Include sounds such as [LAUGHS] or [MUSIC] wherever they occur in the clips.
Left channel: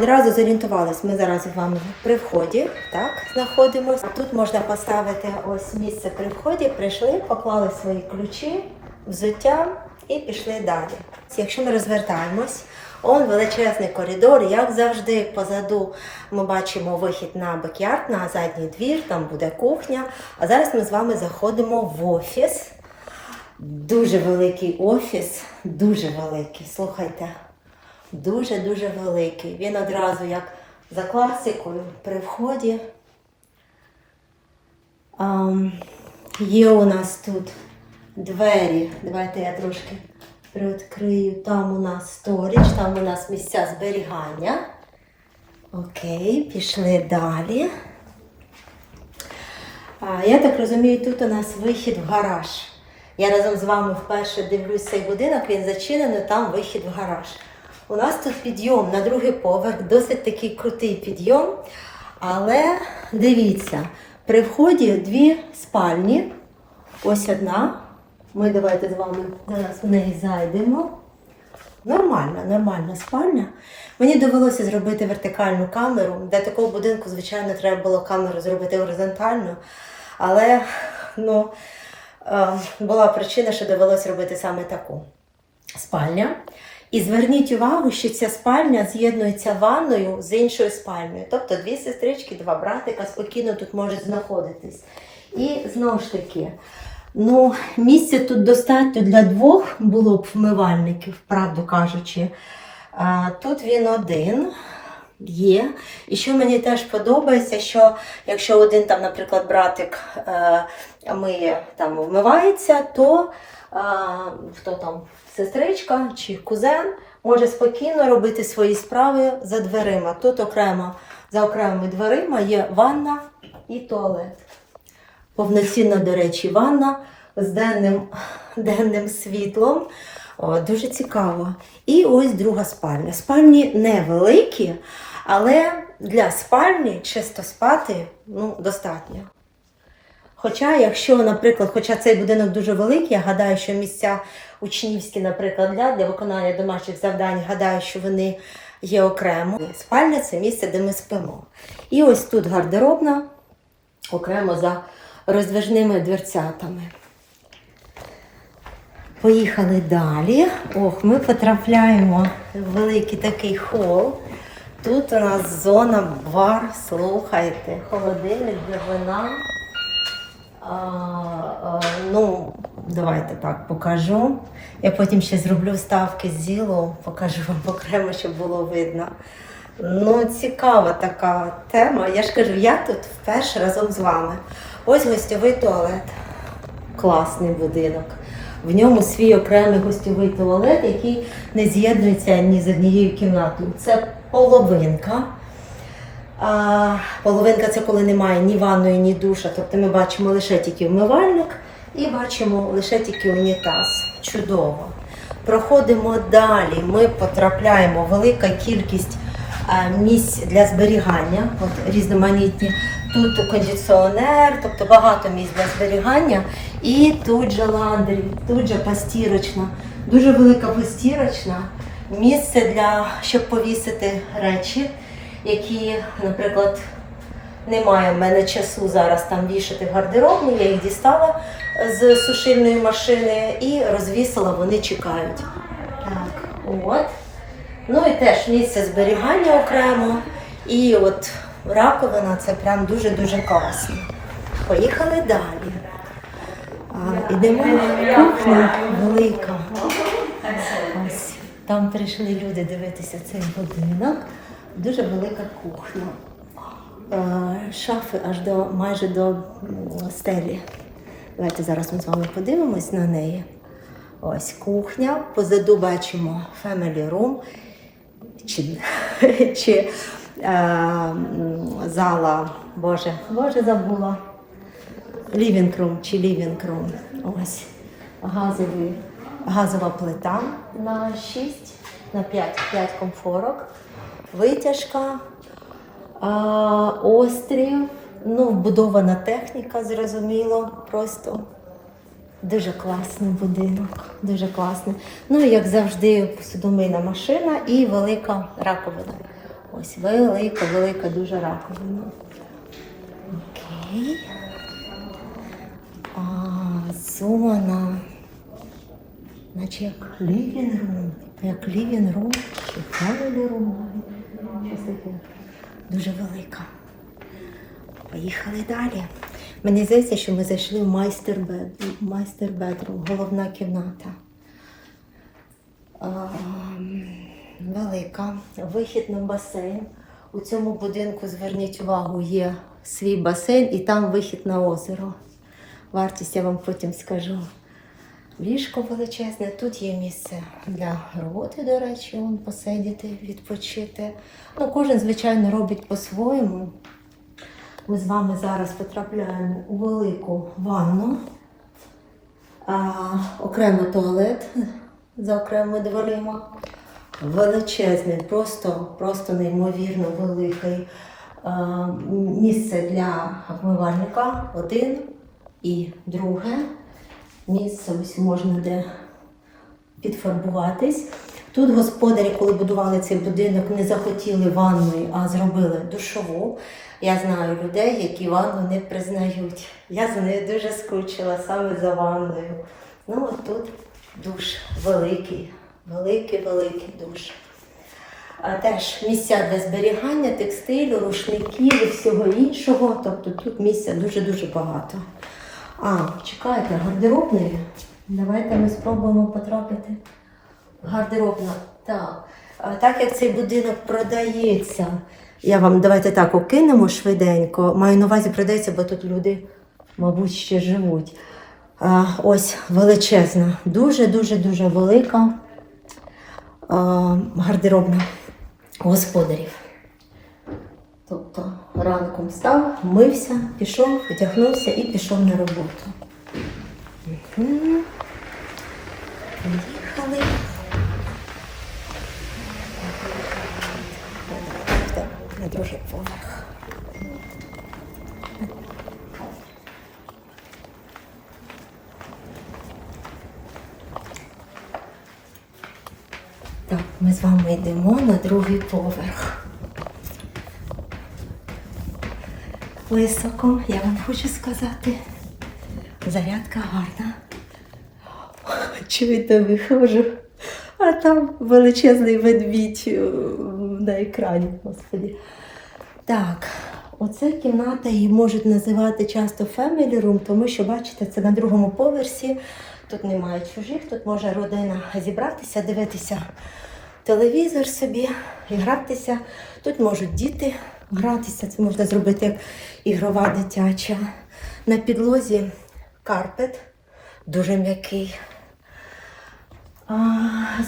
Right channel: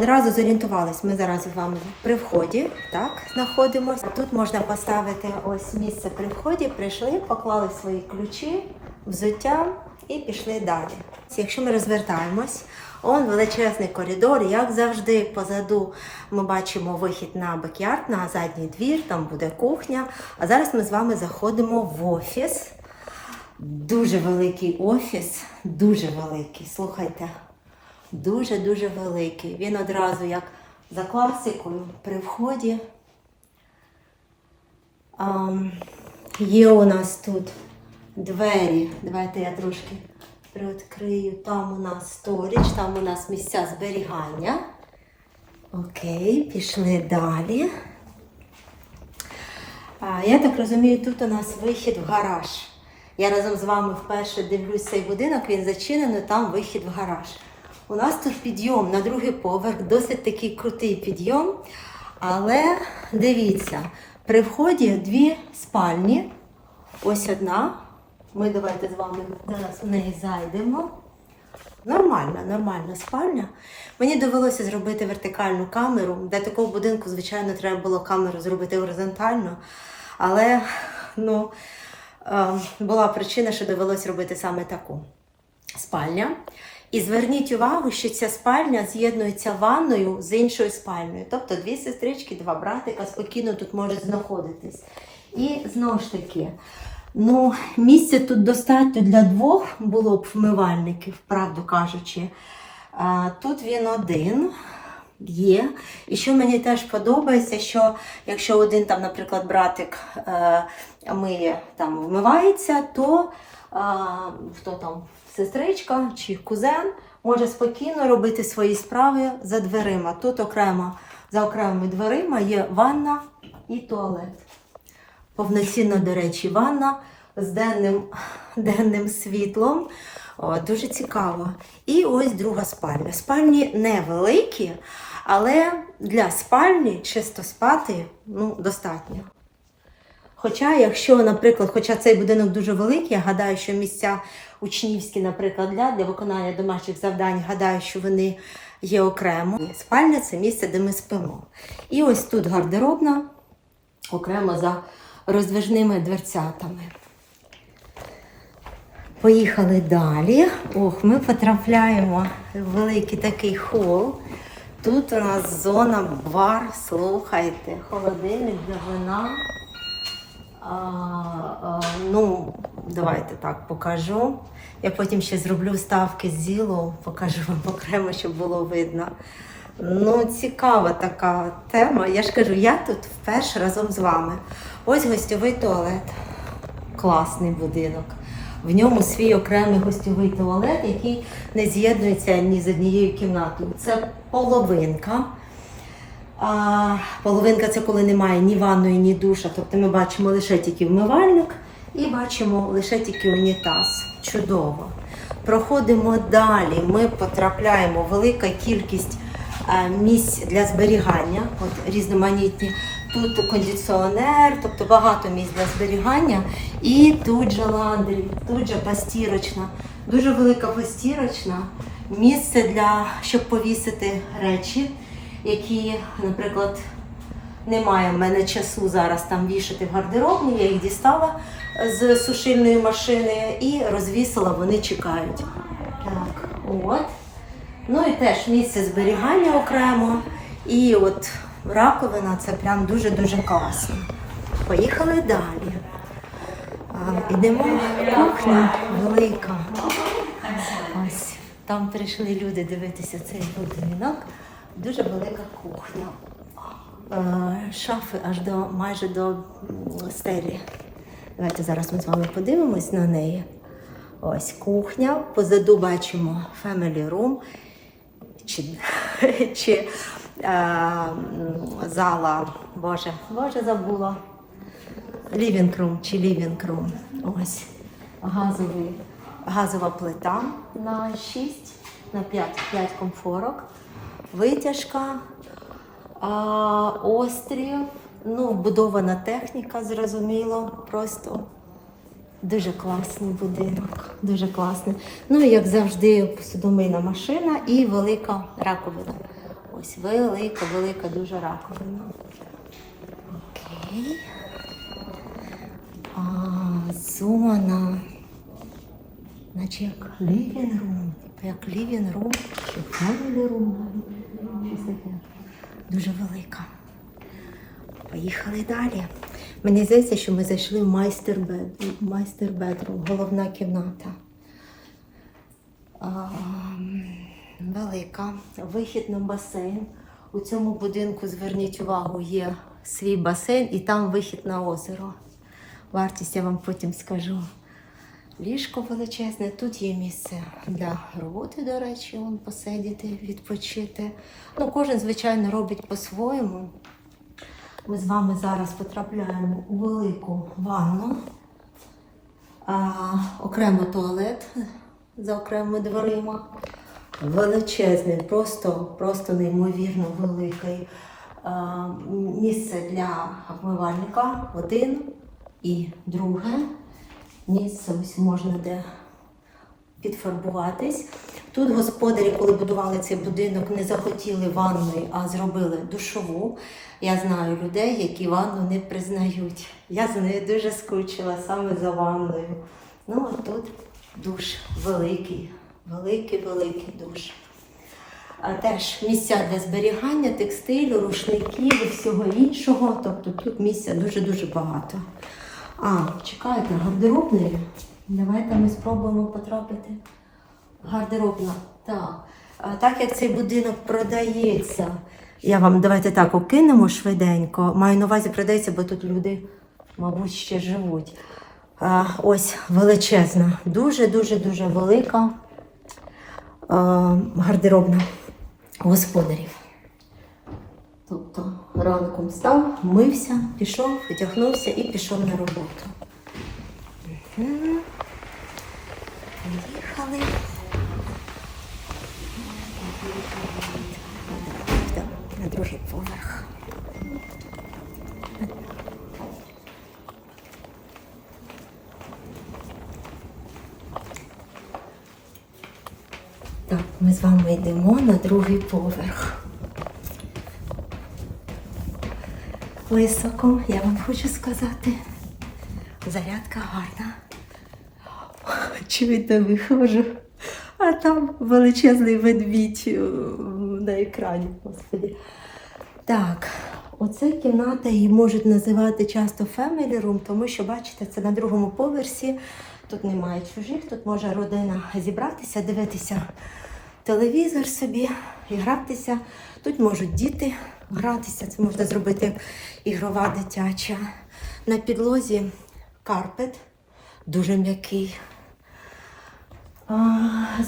Одразу зорієнтувалися, ми зараз з вами при вході, так, знаходимося. Тут можна поставити ось місце при вході, прийшли, поклали свої ключі, взуття і пішли далі. Якщо ми розвертаємось, он величезний коридор, як завжди, позаду ми бачимо вихід на бекярд, на задній двір, там буде кухня. А зараз ми з вами заходимо в офіс. Дуже великий офіс, дуже великий. Слухайте, дуже-дуже великий. Він одразу як за класикою при вході. Ам, є у нас тут двері. Давайте я трошки відкрию. Там у нас сторіч, там у нас місця зберігання. Окей, пішли далі. А, я так розумію, тут у нас вихід в гараж. Я разом з вами вперше дивлюсь цей будинок, він зачинений, там вихід в гараж. У нас тут підйом на другий поверх, досить такий крутий підйом. Але дивіться, при вході дві спальні. Ось одна. Ми давайте з вами зараз в неї зайдемо. Нормальна, нормальна спальня. Мені довелося зробити вертикальну камеру. Для такого будинку, звичайно, треба було камеру зробити горизонтально. Але ну, е, була причина, що довелося робити саме таку спальня. І зверніть увагу, що ця спальня з'єднується ванною з іншою спальнею. Тобто дві сестрички, два братика спокійно тут можуть знаходитись. І знову ж таки, ну, місця тут достатньо для двох було б вмивальників, правду кажучи. А, тут він один є. І що мені теж подобається, що якщо один там, наприклад, братик е, миє там вмивається, то е, хто там сестричка чи кузен може спокійно робити свої справи за дверима. Тут окремо за окремими дверима є ванна і туалет. Повноцінна, до речі, ванна з денним, денним світлом. О, дуже цікаво. І ось друга спальня. Спальні невеликі, але для спальні чисто спати ну, достатньо. Хоча, якщо, наприклад, хоча цей будинок дуже великий, я гадаю, що місця учнівські, наприклад, для, для виконання домашніх завдань, гадаю, що вони є окремо. Спальня це місце, де ми спимо. І ось тут гардеробна, окремо за роздвижними дверцятами. Поїхали далі. Ох, ми потрапляємо в великий такий хол. Тут у нас зона бар, слухайте, холодильник для вина. А, а, ну, давайте так покажу. Я потім ще зроблю ставки з ділу, покажу вам окремо, щоб було видно. Ну, цікава така тема. Я ж кажу, я тут теж разом з вами. Ось гостьовий туалет. Класний будинок. В ньому свій окремий гостьовий туалет, який не з'єднується ні з однією кімнатою. Це половинка. А, половинка це коли немає ні ванної, ні душа. Тобто ми бачимо лише тільки вмивальник і бачимо лише тільки унітаз. Чудово. Проходимо далі. Ми потрапляємо велика кількість місць для зберігання, от різноманітні. Тут кондиціонер, тобто багато місць для зберігання. І тут же ландрі, тут же постірочна. Дуже велика постірочна. Місце для щоб повісити речі, які, наприклад, немає в мене часу зараз там вішати в гардеробні, я їх дістала з сушильної машини і розвісила, вони чекають. Так, от. Ну і теж місце зберігання окремо. І от раковина це прям дуже-дуже класно. Поїхали далі. А, ідемо кухня велика. Ось там прийшли люди дивитися цей будинок. Дуже велика кухня. Шафи аж до майже до стелі. Давайте зараз ми з вами подивимось на неї. Ось кухня. Позаду бачимо family room чи, [LAUGHS] чи е, зала, Боже, Боже, забула. Living room чи living room. Ось газові, газова плита на 6, на 5, 5 комфорок, витяжка, а, острів, ну, вбудована техніка, зрозуміло, просто дуже класний будинок, дуже класний. Ну як завжди, посудомийна машина і велика раковина. Ось велика, велика дуже раковина. Окей. А, зона. Наче як room. Як family room. Щось таке. Дуже велика. Поїхали далі. Мені здається, що ми зайшли в майстер майстер бедрум, головна кімната. Ем, Велика. Вихід на басейн. У цьому будинку, зверніть увагу, є свій басейн і там вихід на озеро. Вартість я вам потім скажу. Ліжко величезне, тут є місце для роботи, до речі, посидіти, відпочити. Ну, кожен, звичайно, робить по-своєму. Ми з вами зараз потрапляємо у велику ванну, а, окремо туалет за окремими дверима. Величезний, просто, просто неймовірно великий а, місце для обмивальника. Один і друге місце ось можна де підфарбуватись. Тут господарі, коли будували цей будинок, не захотіли ванної, а зробили душову. Я знаю людей, які ванну не признають. Я до неї дуже скучила саме за ванною. Ну, ось тут душ великий, великий, великий душ. А теж місця для зберігання текстилю, рушників і всього іншого. Тобто тут місця дуже-дуже багато. А, чекають на гардеробної. Давайте ми спробуємо потрапити. Гардеробна. Так. Так як цей будинок продається, я вам давайте так окинемо швиденько. Маю на увазі продається, бо тут люди, мабуть, ще живуть. А, ось величезна, дуже-дуже дуже велика а, гардеробна господарів. Тобто ранком встав, мився, пішов, одягнувся і пішов на роботу. Поїхали. Так, На другий поверх. Так, ми з вами йдемо на другий поверх. Високо, я вам хочу сказати. Зарядка гарна. Чуєте, виходжу, а там величезний ведмідь на екрані, господи. Так, оце кімната її можуть називати часто family room, тому що, бачите, це на другому поверсі. Тут немає чужих, тут може родина зібратися, дивитися телевізор собі і гратися. Тут можуть діти гратися, це можна зробити як ігрова дитяча. На підлозі карпет дуже м'який.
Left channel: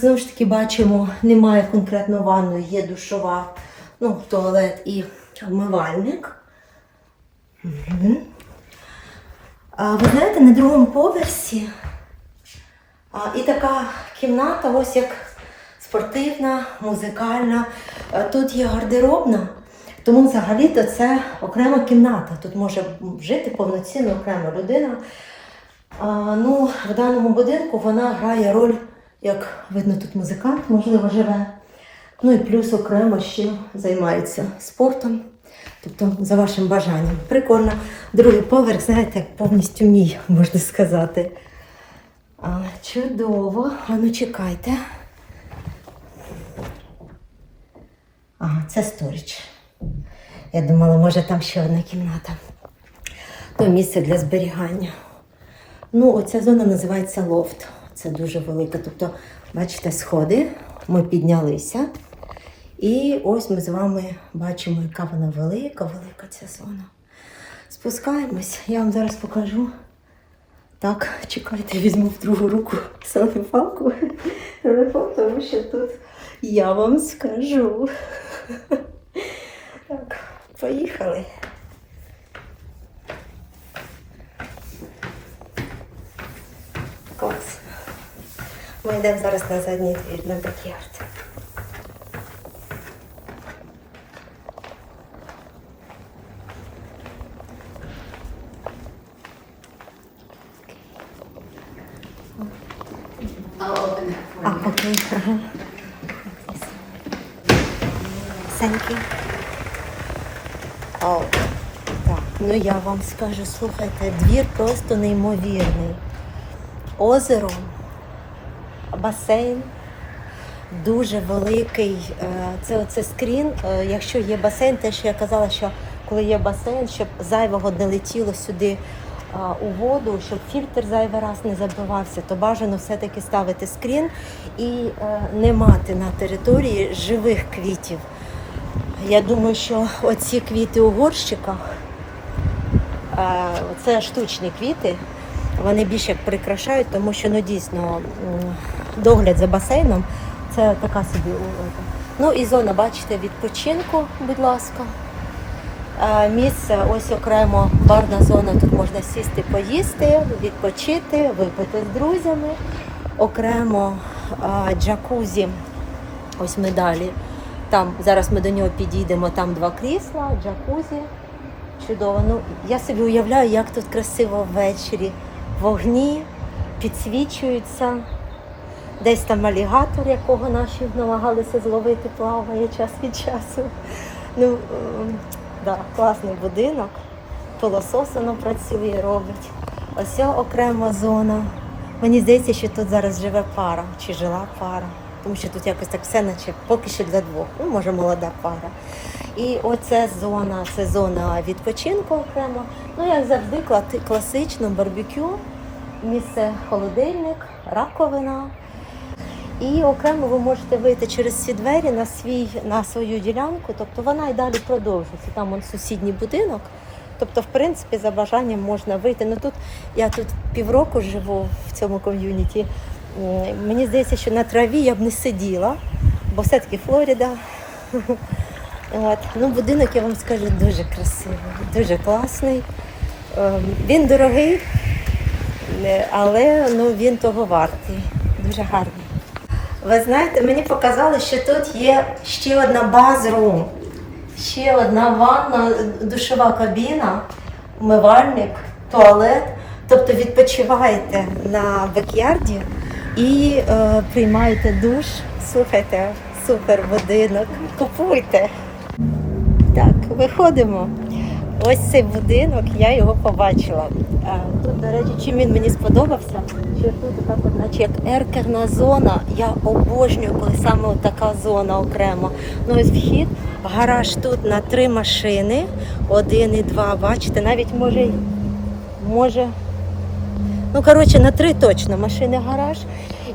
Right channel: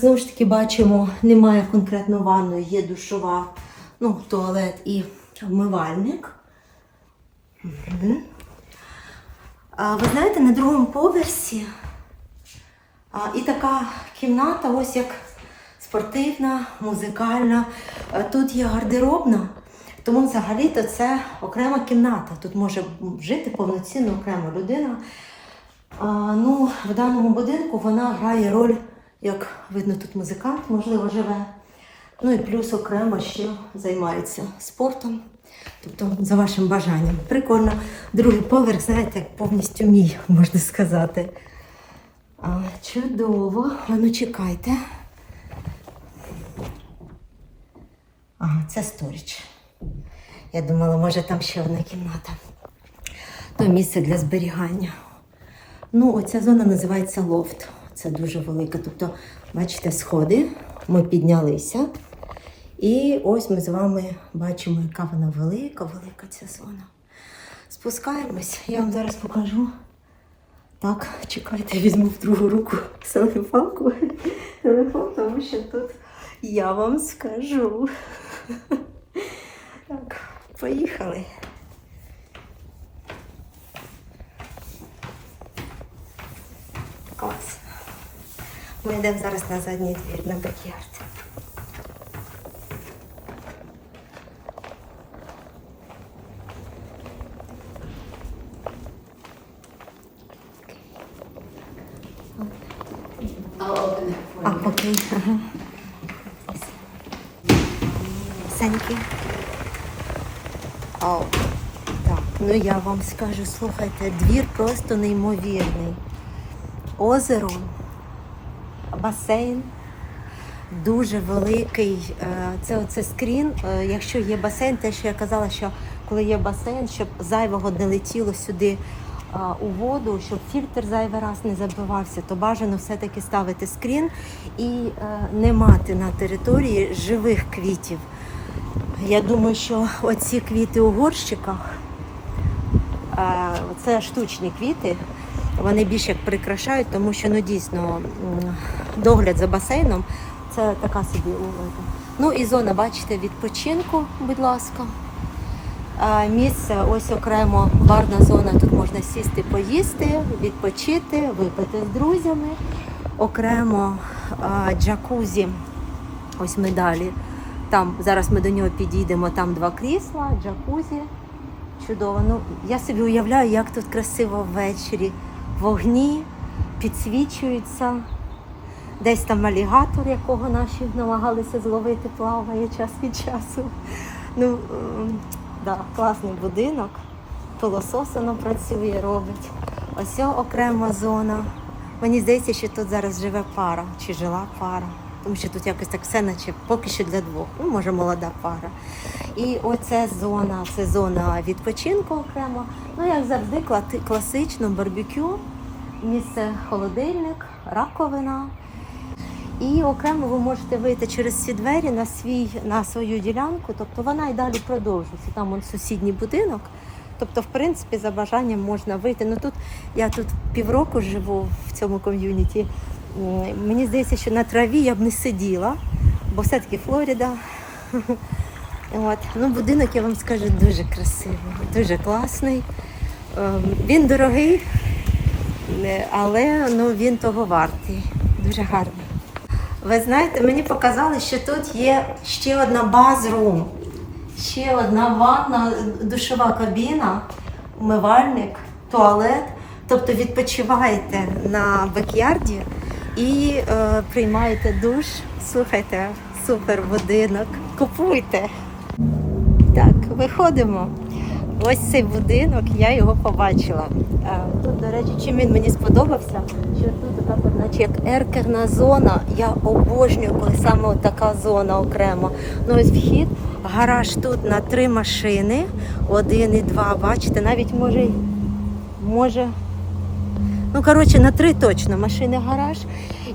Знову ж таки бачимо, немає конкретно ванної, є душова, ну, туалет і вмивальник. Ви знаєте, на другому поверсі і така кімната, ось як спортивна, музикальна. Тут є гардеробна, тому взагалі-то це окрема кімната. Тут може жити повноцінно окрема людина. Ну, в даному будинку вона грає роль, як видно, тут музикант, можливо, живе. Ну і плюс окремо ще займається спортом. Тобто, за вашим бажанням. Прикольно. Другий поверх, знаєте, повністю мій, можна сказати. А, чудово. А ну чекайте. Ага, це сторіч. Я думала, може там ще одна кімната. То місце для зберігання. Ну, оця зона називається лофт. Це дуже велика. Тобто, бачите, сходи, ми піднялися. І ось ми з вами бачимо, яка вона велика, велика ця зона. Спускаємось, я вам зараз покажу. Так, чекайте, я візьму в другу руку селфі-палку, телефон, тому що тут я вам скажу. Так, поїхали. Ми йдемо зараз на задній двір на бакярд. For А, так, ну я вам скажу, слухайте, двір просто неймовірний. Озеро, басейн, дуже великий. е, Це оце скрін. е, Якщо є басейн, те, що я казала, що коли є басейн, щоб зайвого не летіло сюди у воду, щоб фільтр зайвий раз не забивався, то бажано все-таки ставити скрін і е, не мати на території живих квітів. Я думаю, що оці квіти у горщиках е, це штучні квіти. Вони більше прикрашають, тому що ну дійсно догляд за басейном це така собі улика. Ну і зона, бачите, відпочинку, будь ласка. Е, Місце ось окремо барна зона. Тут можна сісти, поїсти, відпочити, випити з друзями. Окремо е, джакузі, ось ми далі. Там зараз ми до нього підійдемо, там два крісла, джакузі. Чудово. Ну, я собі уявляю, як тут красиво ввечері. Вогні підсвічуються. Десь там алігатор, якого наші намагалися зловити, плаває час від часу. Ну, ем, да, класний будинок. Пилосос воно працює, робить. Ось ця окрема зона. Мені здається, що тут зараз живе пара, чи жила пара. Тому що тут якось так все наче поки що для двох. Ну, може, молода пара. І оця зона, це зона відпочинку окремо. Ну, як завжди, класично барбекю, місце холодильник, раковина. І окремо ви можете вийти через ці двері на свій на свою ділянку, тобто вона і далі продовжується. Там он сусідній будинок. Тобто, в принципі, за бажанням можна вийти. Ну тут я тут півроку живу в цьому ком'юніті. Мені здається, що на траві я б не сиділа, бо все-таки Флорида. [LAUGHS] От. Ну, будинок, я вам скажу, дуже красивий, дуже класний. Ем, Він дорогий, е, але ну, він того вартий. Дуже гарний. Ви знаєте, мені показали, що тут є ще одна базрум, ще одна ванна, душова кабіна, умивальник, туалет. Тобто відпочиваєте на бекярді і е, приймаєте душ. Слухайте, супер будинок. Купуйте. Так, виходимо. Ось цей будинок, я його побачила. Е, Тут, до речі, чим він мені сподобався, що тут така, наче як еркерна зона. Я обожнюю, коли саме така зона окремо. Ну ось вхід, гараж тут на три машини, один і два. Бачите, навіть може, може, ну коротше, на три точно машини гараж.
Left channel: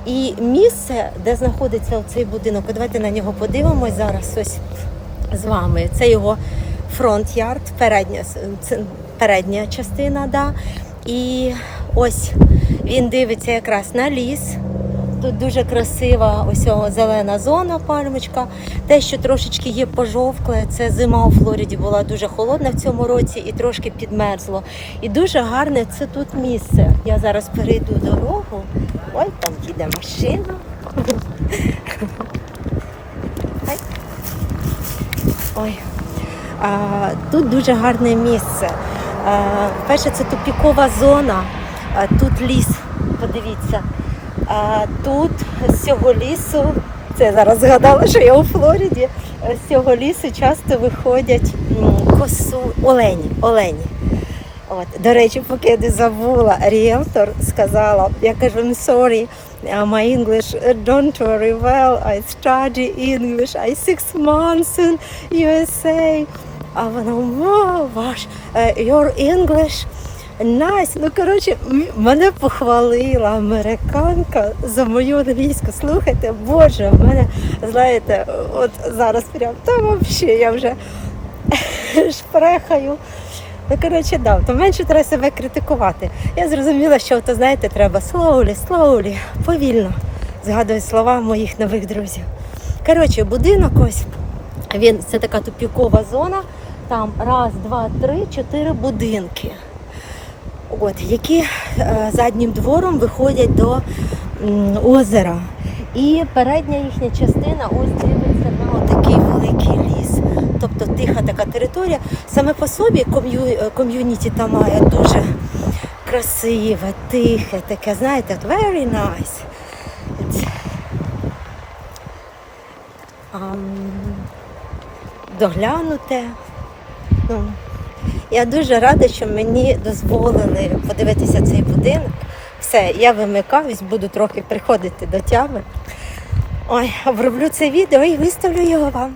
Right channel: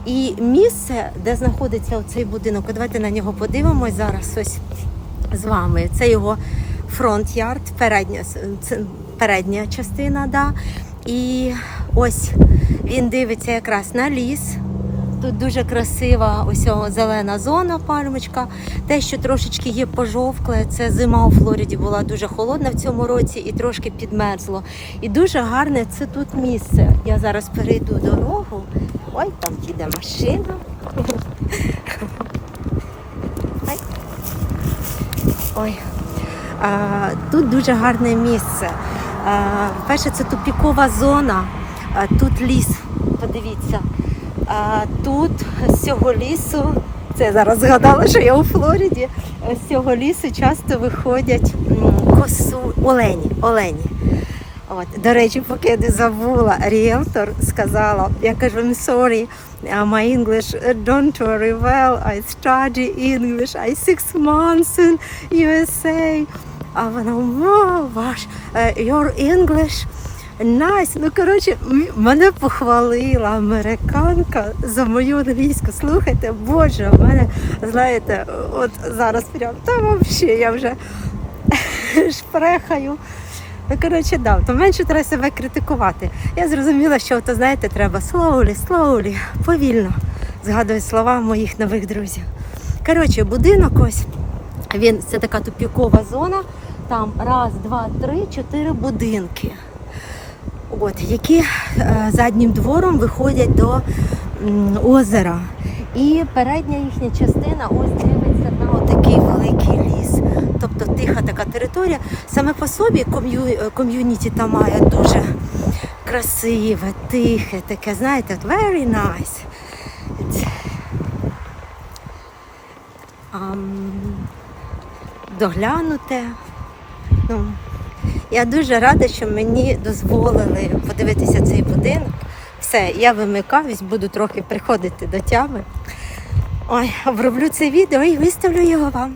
І місце, де знаходиться цей будинок, давайте на нього подивимось зараз ось з вами. Це його фронт-ярд, передня, передня частина, да. І ось він дивиться якраз на ліс. Тут дуже красива ось зелена зона, пальмочка. Те, що трошечки є пожовкле, це зима у Флориді була дуже холодна в цьому році і трошки підмерзло. І дуже гарне це тут місце. Я зараз перейду дорогу. Ой, там їде машина. Ой. А, тут дуже гарне місце. А, перше, це тупікова зона, а, тут ліс, подивіться. А, тут з цього лісу, це я зараз згадала, що я у Флориді, е, з цього лісу часто виходять косу олені. олені. От, до речі, поки я не забула, ріелтор сказала, я кажу, I'm sorry, uh, my English uh, don't very well, I study English, I six months in USA. А вона, wow, ваш, your English nice. Ну, коротше, мене похвалила американка за мою англійську. Слухайте, боже, в мене, знаєте, от зараз прям, та взагалі, я вже [LAUGHS] шпрехаю. Ну, коротше, да, то менше треба себе критикувати. Я зрозуміла, що то, знаєте, треба slowly, slowly, повільно згадую слова моїх нових друзів. Коротше, будинок ось він це така тупікова зона. Там раз, два, три, чотири будинки. От, які е, заднім двором виходять до озера. І передня їхня частина ось дивиться на такий великий ліс. Тобто тиха така територія. Саме по собі ком'ю- е, ком'юніті там має дуже красиве, тихе, таке, знаєте, very nice. Доглянуте. Ну, я дуже рада, що мені дозволили подивитися цей будинок. Все, я вимикаюсь, буду трохи приходити до тями. Ой, оброблю це відео і виставлю його вам.